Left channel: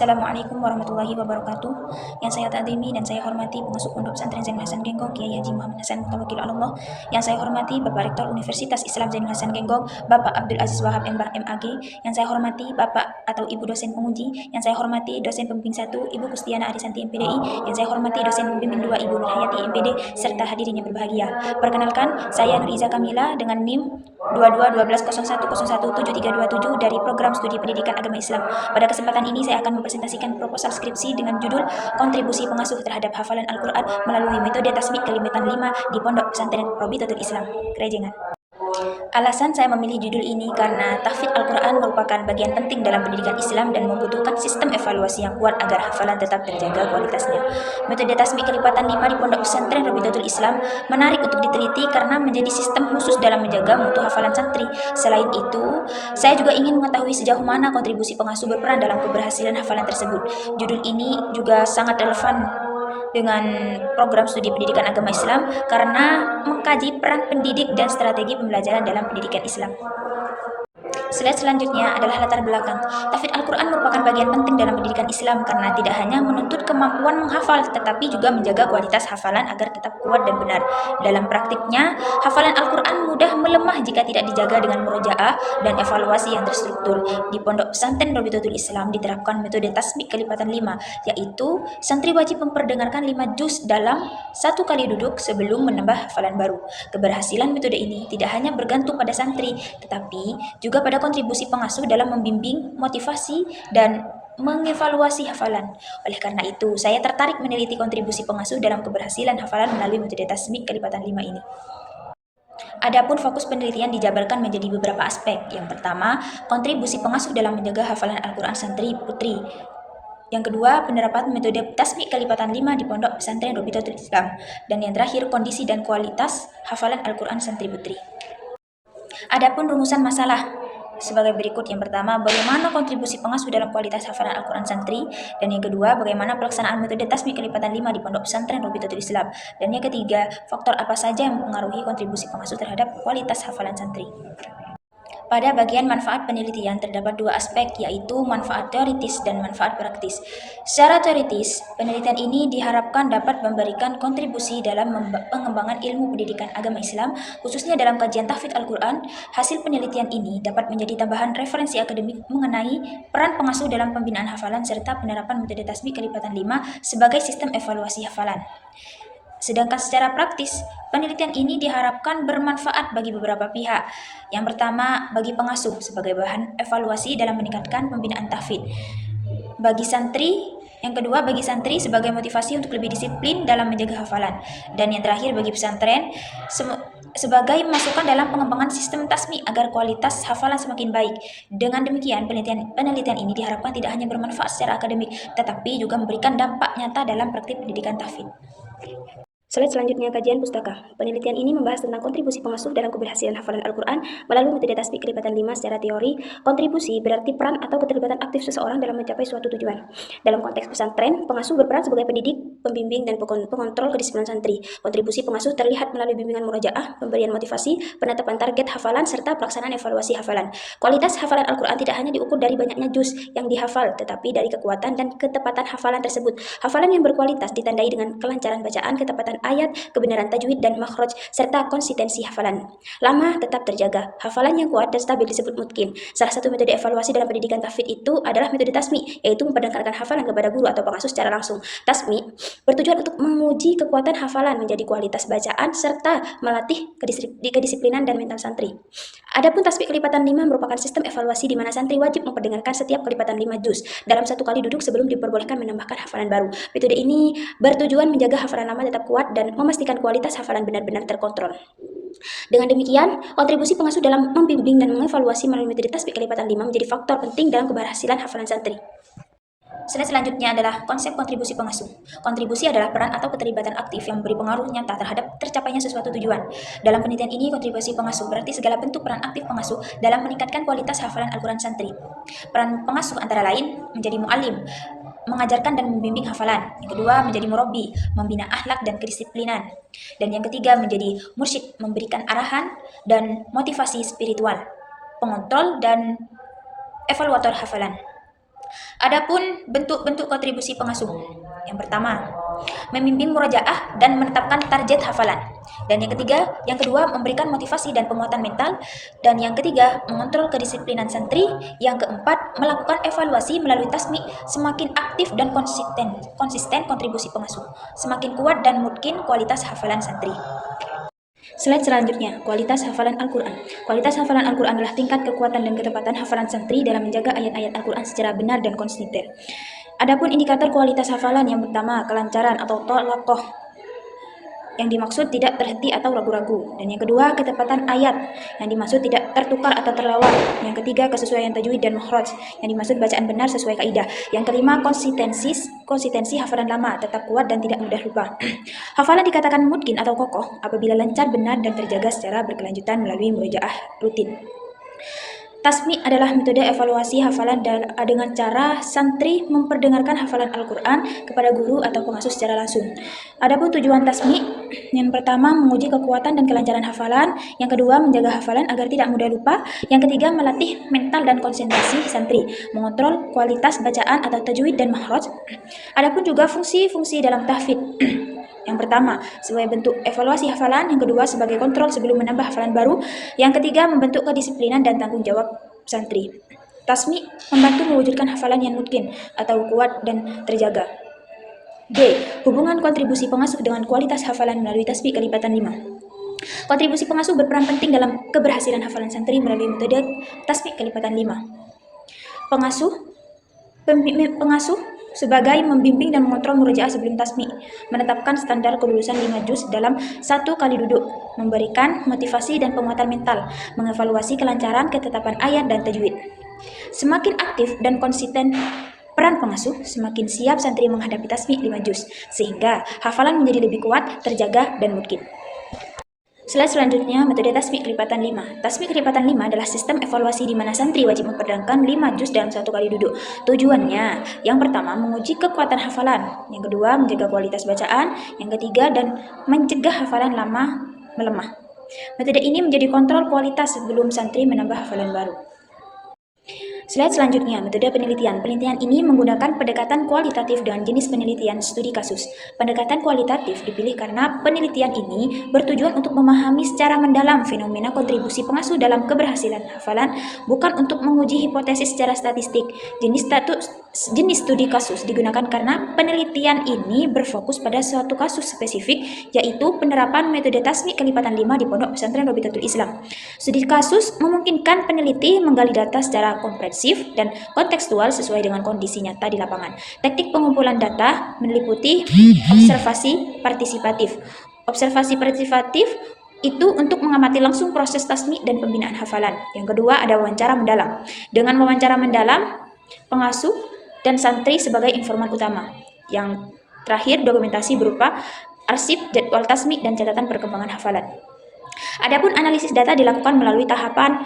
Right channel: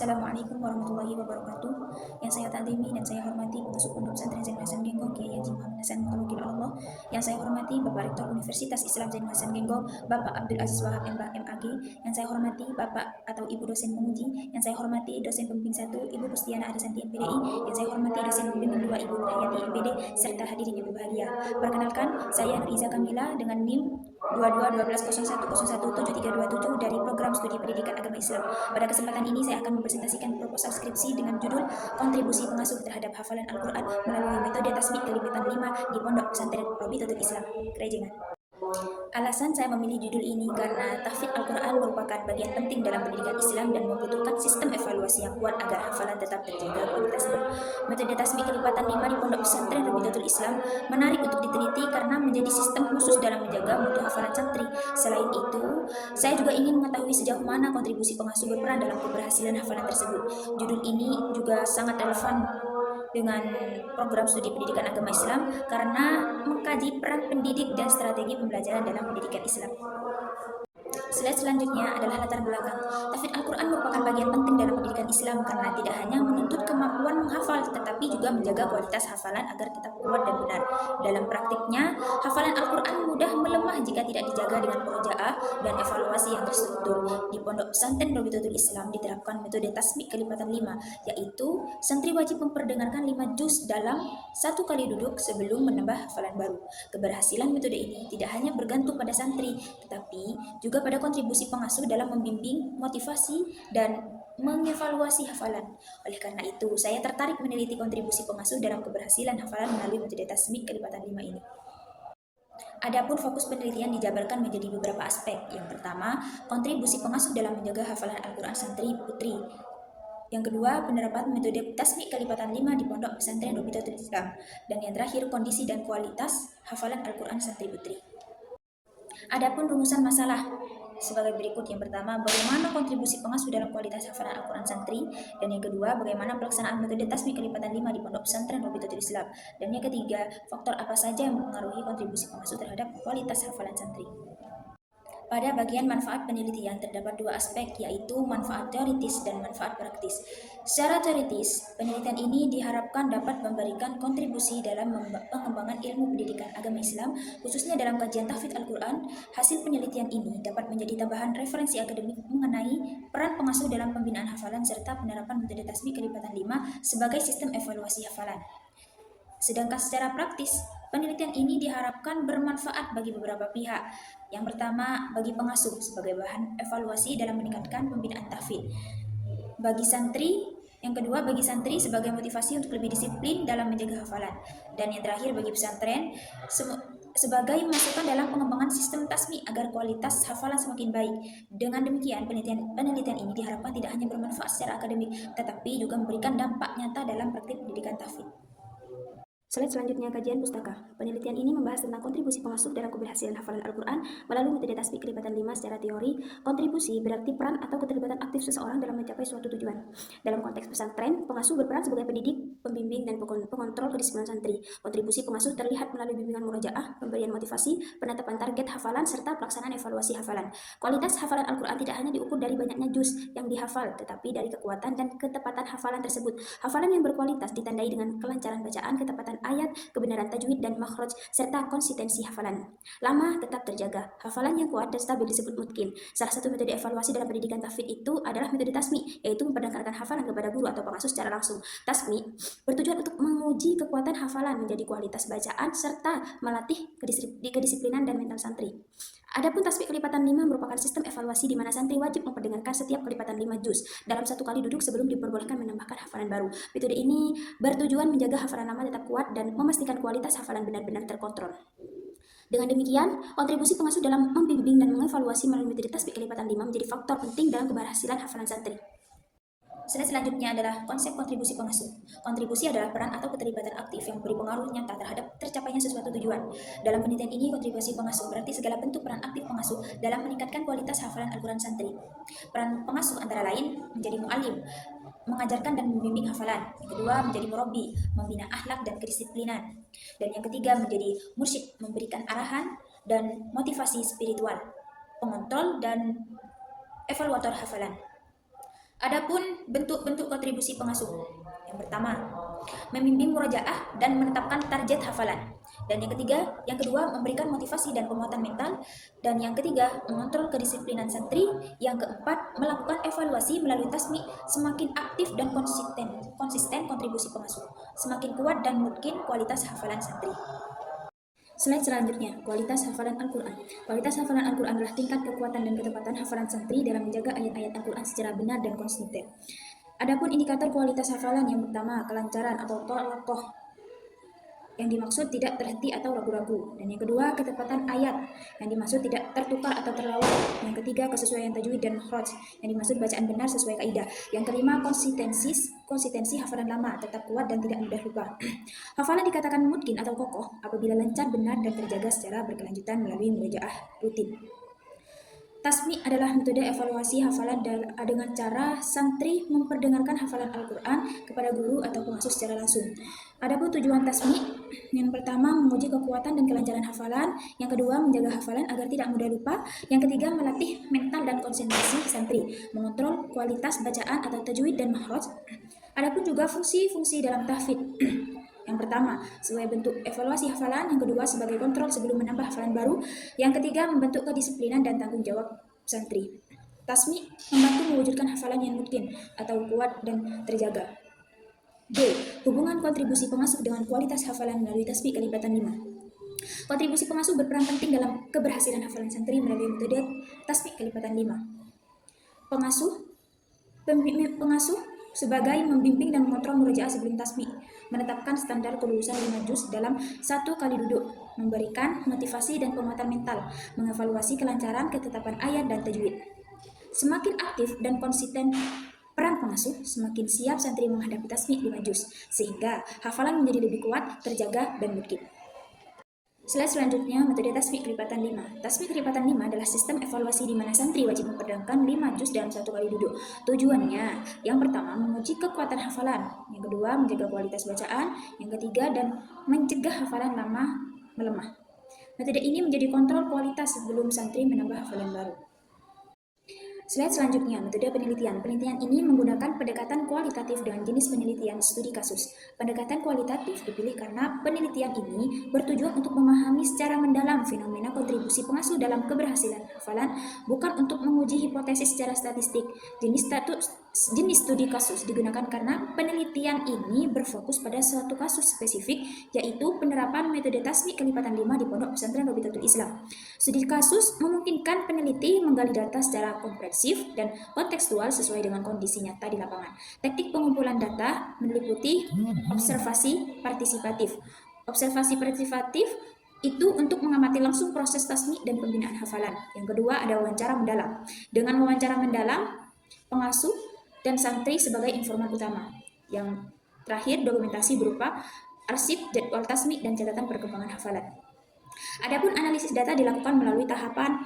Assalamualaikum warahmatullahi wabarakatuh. Yang saya takzimi dan saya hormati pengasuh Pondok Pesantren Zainul Hasan Genggong, Kiai Haji Muhammad Hasan Mutawakil Allah. Yang saya hormati Bapak Rektor Universitas Islam Zainul Hasan Genggong, Bapak Abdul Aziz Wahab MBA MAG. Yang saya hormati Bapak atau Ibu dosen penguji. Yang saya hormati dosen pembimbing 1 Ibu Kustiana Arisanti MPDI. Yang saya hormati dosen pembimbing 2 Ibu Nurhayati MPD serta hadirin yang berbahagia. Perkenalkan, saya Nur Iza Kamila dengan NIM 221201017327 dari Program Studi Pendidikan Agama Islam. Pada kesempatan ini saya akan mempresentasikan proposal skripsi dengan judul Kontribusi Pengasuh Terhadap Hafalan Al-Quran Melalui Metode Tasbih Kalimatan 5 di Pondok Pesantren Robitatul Islam, Kerejengan. Alasan saya memilih judul ini karena tahfidz Al-Quran merupakan bagian penting dalam pendidikan Islam dan membutuhkan sistem evaluasi yang kuat agar hafalan tetap terjaga kualitasnya. Metode tasbih kelipatan 5 di Pondok Pesantren Robitatul Islam menarik untuk diteliti karena menjadi sistem khusus dalam menjaga mutu hafalan santri. Selain itu, saya juga ingin mengetahui sejauh mana kontribusi pengasuh berperan dalam keberhasilan hafalan tersebut. Judul ini juga sangat relevan dengan program studi pendidikan agama Islam karena mengkaji peran pendidik dan strategi pembelajaran dalam pendidikan Islam. Slide selanjutnya adalah latar belakang. Tahfidz Al-Quran merupakan bagian penting dalam pendidikan Islam karena tidak hanya menuntut kemampuan menghafal, tetapi juga menjaga kualitas hafalan agar tetap kuat dan benar. Dalam praktiknya, hafalan Al-Quran mudah melemah jika tidak dijaga dengan murojaah dan evaluasi yang terstruktur. Di Pondok Pesantren Robitatul Islam diterapkan metode tasbih kelipatan 5, yaitu santri wajib memperdengarkan 5 juz dalam satu kali duduk sebelum menambah hafalan baru. Keberhasilan metode ini tidak hanya bergantung pada santri, tetapi juga pada kontribusi pengasuh dalam membimbing, motivasi, dan mengevaluasi hafalan. Oleh karena itu, saya tertarik meneliti kontribusi pengasuh dalam keberhasilan hafalan melalui metode tasbih kelipatan 5 ini. Adapun fokus penelitian dijabarkan menjadi beberapa aspek. Yang pertama, kontribusi pengasuh dalam menjaga hafalan Al-Quran santri putri. Yang kedua, penerapan metode tasbih kelipatan 5 di Pondok Pesantren Robitatul Islam. Dan yang terakhir, kondisi dan kualitas hafalan Al-Quran santri putri. Adapun rumusan masalah sebagai berikut. Yang pertama, bagaimana kontribusi pengasuh dalam kualitas hafalan Al-Quran santri. Dan yang kedua, bagaimana pelaksanaan metode tasbih kelipatan 5 di Pondok Pesantren Robitatul Islam. Dan yang ketiga, faktor apa saja yang mempengaruhi kontribusi pengasuh terhadap kualitas hafalan santri. Pada bagian manfaat penelitian terdapat dua aspek, yaitu manfaat teoritis dan manfaat praktis. Secara teoritis, penelitian ini diharapkan dapat memberikan kontribusi dalam pengembangan ilmu pendidikan agama Islam, khususnya dalam kajian tahfidz Al-Quran. Hasil penelitian ini dapat menjadi tambahan referensi akademik mengenai peran pengasuh dalam pembinaan hafalan serta penerapan metode tasbih kelipatan 5 sebagai sistem evaluasi hafalan. Sedangkan secara praktis, penelitian ini diharapkan bermanfaat bagi beberapa pihak. Yang pertama, bagi pengasuh sebagai bahan evaluasi dalam meningkatkan pembinaan tahfidz. Bagi santri, yang kedua bagi santri sebagai motivasi untuk lebih disiplin dalam menjaga hafalan. Dan yang terakhir bagi pesantren sebagai masukan dalam pengembangan sistem tasbih agar kualitas hafalan semakin baik. Dengan demikian, penelitian ini diharapkan tidak hanya bermanfaat secara akademik, tetapi juga memberikan dampak nyata dalam praktik pendidikan tahfidz. Slide selanjutnya, kajian pustaka. Penelitian ini membahas tentang kontribusi pengasuh dalam keberhasilan hafalan Al-Quran melalui metode tasbih kelipatan 5 secara teori. Kontribusi berarti peran atau keterlibatan aktif seseorang dalam mencapai suatu tujuan. Dalam konteks pesantren, pengasuh berperan sebagai pendidik, pembimbing, dan pengontrol kedisiplinan santri. Kontribusi pengasuh terlihat melalui bimbingan murojaah, pemberian motivasi, penetapan target hafalan, serta pelaksanaan evaluasi hafalan. Kualitas hafalan Al-Quran tidak hanya diukur dari banyaknya juz yang dihafal, tetapi dari kekuatan dan ketepatan hafalan tersebut. Hafalan yang berkualitas ditandai dengan kelancaran bacaan, ketepatan ayat, kebenaran tajwid dan makhraj, serta konsistensi hafalan. Lama tetap terjaga. Hafalan yang kuat dan stabil disebut mutqin. Salah satu metode evaluasi dalam pendidikan tahfidz itu adalah metode tasmi, yaitu memperdengarkan hafalan kepada guru atau pengasuh secara langsung. Tasmi bertujuan untuk menguji kekuatan hafalan menjadi kualitas bacaan serta melatih kedisiplinan dan mental santri. Adapun tasbih kelipatan 5 merupakan sistem evaluasi di mana santri wajib memperdengarkan setiap kelipatan 5 juz dalam satu kali duduk sebelum diperbolehkan menambahkan hafalan baru. Metode ini bertujuan menjaga hafalan lama tetap kuat dan memastikan kualitas hafalan benar-benar terkontrol. Dengan demikian, kontribusi pengasuh dalam membimbing dan mengevaluasi melalui metode tasbih kelipatan 5 menjadi faktor penting dalam keberhasilan hafalan santri. Slide selanjutnya adalah konsep kontribusi pengasuh. Kontribusi adalah peran atau keterlibatan aktif yang memberi pengaruh nyata terhadap tercapainya sesuatu tujuan. Dalam penelitian ini, kontribusi pengasuh berarti segala bentuk peran aktif pengasuh dalam meningkatkan kualitas hafalan Al-Quran santri. Peran pengasuh antara lain menjadi mu'alim, mengajarkan dan membimbing hafalan. Yang kedua, menjadi murabbi, membina akhlak dan kedisiplinan. Dan yang ketiga, menjadi mursyid, memberikan arahan dan motivasi spiritual, pengontrol dan evaluator hafalan. Adapun bentuk-bentuk kontribusi pengasuh. Yang pertama, membimbing murojaah dan menetapkan target hafalan. Dan yang kedua, memberikan motivasi dan penguatan mental. Dan yang ketiga, mengontrol kedisiplinan santri. Yang keempat, melakukan evaluasi melalui tasmi. Semakin aktif dan konsisten kontribusi pengasuh, semakin kuat dan mungkin kualitas hafalan santri. Slide selanjutnya, kualitas hafalan Al-Quran. Kualitas hafalan Al-Quran adalah tingkat kekuatan dan ketepatan hafalan santri dalam menjaga ayat-ayat Al-Quran secara benar dan konsisten. Adapun indikator kualitas hafalan yang pertama, kelancaran atau tolaqoh. Yang dimaksud tidak terhenti atau ragu-ragu. Dan yang kedua, ketepatan ayat. Yang dimaksud tidak tertukar atau terlewat. Yang ketiga, kesesuaian tajwid dan makhraj. Yang dimaksud bacaan benar sesuai kaidah. Yang kelima, konsistensi hafalan lama, tetap kuat dan tidak mudah lupa. Hafalan dikatakan mungkin atau kokoh apabila lancar, benar, dan terjaga secara berkelanjutan melalui murojaah rutin. Tasmi adalah metode evaluasi hafalan dengan cara santri memperdengarkan hafalan Al-Quran kepada guru atau pengasuh secara langsung. Adapun tujuan tasmi, yang pertama menguji kekuatan dan kelancaran hafalan, yang kedua menjaga hafalan agar tidak mudah lupa, yang ketiga melatih mental dan konsentrasi santri, mengontrol kualitas bacaan atau tajwid dan makhraj. Adapun juga fungsi-fungsi dalam tahfidz. Yang pertama, sebagai bentuk evaluasi hafalan. Yang kedua, sebagai kontrol sebelum menambah hafalan baru. Yang ketiga, membentuk kedisiplinan dan tanggung jawab santri. Tasmi membantu mewujudkan hafalan yang mungkin atau kuat dan terjaga. D. Hubungan kontribusi pengasuh dengan kualitas hafalan melalui tasbih kelipatan 5. Kontribusi pengasuh berperan penting dalam keberhasilan hafalan santri melalui metode tasbih kelipatan 5. Pengasuh sebagai membimbing dan mengontrol murojaah sebelum tasmi, menetapkan standar kelulusan 5 juz dalam 1 kali duduk, memberikan motivasi dan penguatan mental, mengevaluasi kelancaran ketetapan ayat dan tajwid. Semakin aktif dan konsisten peran pengasuh, semakin siap santri menghadapi tasmi 5 juz, sehingga hafalan menjadi lebih kuat, terjaga, dan mungkin. Slide selanjutnya, metode tasmi kelipatan 5. Tasmi kelipatan 5 adalah sistem evaluasi di mana santri wajib memperdengarkan 5 juz dalam 1 kali duduk. Tujuannya, yang pertama, menguji kekuatan hafalan. Yang kedua, menjaga kualitas bacaan. Yang ketiga, dan mencegah hafalan lama melemah. Metode ini menjadi kontrol kualitas sebelum santri menambah hafalan baru. Slide selanjutnya, metode penelitian. Penelitian ini menggunakan pendekatan kualitatif dengan jenis penelitian studi kasus. Pendekatan kualitatif dipilih karena penelitian ini bertujuan untuk memahami secara mendalam fenomena kontribusi pengasuh dalam keberhasilan hafalan, bukan untuk menguji hipotesis secara statistik. Jenis studi kasus digunakan karena penelitian ini berfokus pada suatu kasus spesifik, yaitu penerapan metode tasmi kelipatan 5 di Pondok Pesantren Robitatul Islam. Studi kasus memungkinkan peneliti menggali data secara komprehensif dan kontekstual sesuai dengan kondisi nyata di lapangan. Teknik pengumpulan data meliputi observasi partisipatif. Observasi partisipatif itu untuk mengamati langsung proses tasmi dan pembinaan hafalan. Yang kedua ada wawancara mendalam. Dengan wawancara mendalam, pengasuh dan santri sebagai informan utama. Yang terakhir dokumentasi berupa arsip, jadwal tasmi, dan catatan perkembangan hafalan. Adapun analisis data dilakukan melalui tahapan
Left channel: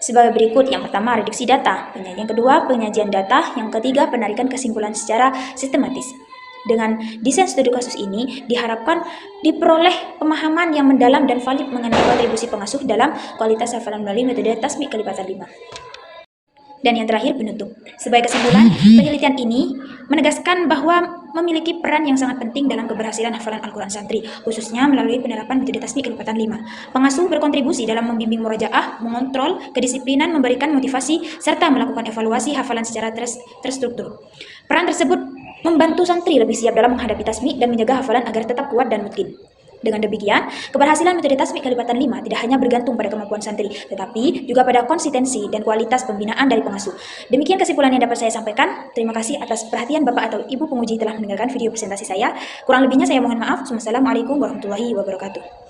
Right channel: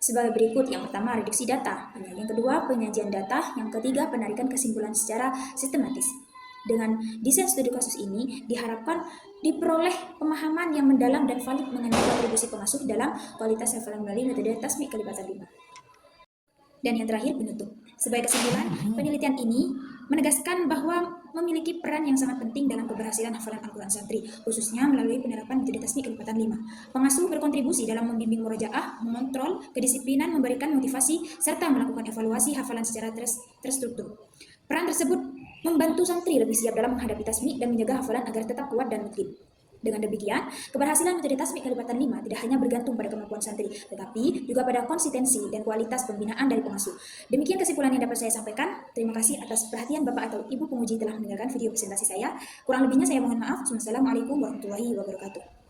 sebagai berikut. Yang pertama, reduksi data. Yang kedua, penyajian data. Yang ketiga, penarikan kesimpulan secara sistematis. Dengan desain studi kasus ini, diharapkan diperoleh pemahaman yang mendalam dan valid mengenai kontribusi pengasuh dalam kualitas hafalan melalui metode tasmi kelipatan 5. Dan yang terakhir, penutup. Sebagai kesimpulan, penelitian ini menegaskan bahwa memiliki peran yang sangat penting dalam keberhasilan hafalan Al-Quran santri, khususnya melalui penerapan metode tasmi kelipatan 5. Pengasuh berkontribusi dalam membimbing murojaah, mengontrol kedisiplinan, memberikan motivasi, serta melakukan evaluasi hafalan secara terstruktur. Peran tersebut membantu santri lebih siap dalam menghadapi tasmi dan menjaga hafalan agar tetap kuat dan mungkin. Dengan demikian, keberhasilan metode tasmi kelipatan 5 tidak hanya bergantung pada kemampuan santri, tetapi juga pada konsistensi dan kualitas pembinaan dari pengasuh. Demikian kesimpulan yang dapat saya sampaikan. Terima kasih atas perhatian Bapak atau Ibu penguji telah mendengarkan video presentasi saya. Kurang lebihnya saya mohon maaf. Wassalamualaikum warahmatullahi wabarakatuh.